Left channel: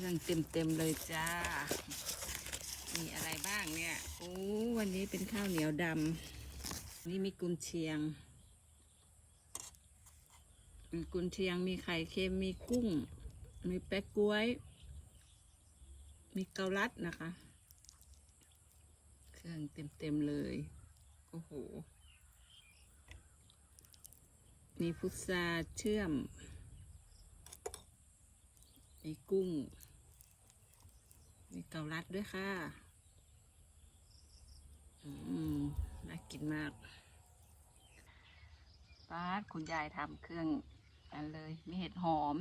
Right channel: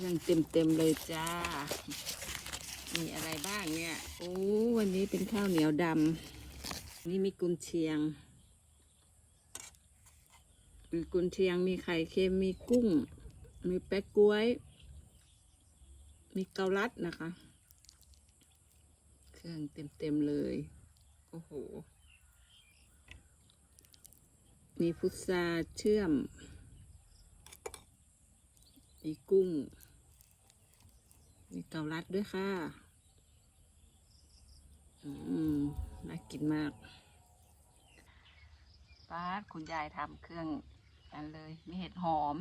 รื่องเต็มเต็มเลยจ้า มีอะไรบ้างเนี่ย โอ้วันนี้เป็นข้าวเหนียวดำนี่มีกุนเชียง มีกุนเชียง มีไข่เค็ม มีกุ้ง มีแป๊กกล้วย มีเกาลัดนะคะ เครื่องเต็มเต็มเลย โอ้โห มีพุทราเชื่อม มีกุ้ง มีเกาลัดด้วยค่ะ อืม น่ากินมากป้าดคุณยายทำเครื่องอันเลย มีเห็ดหอม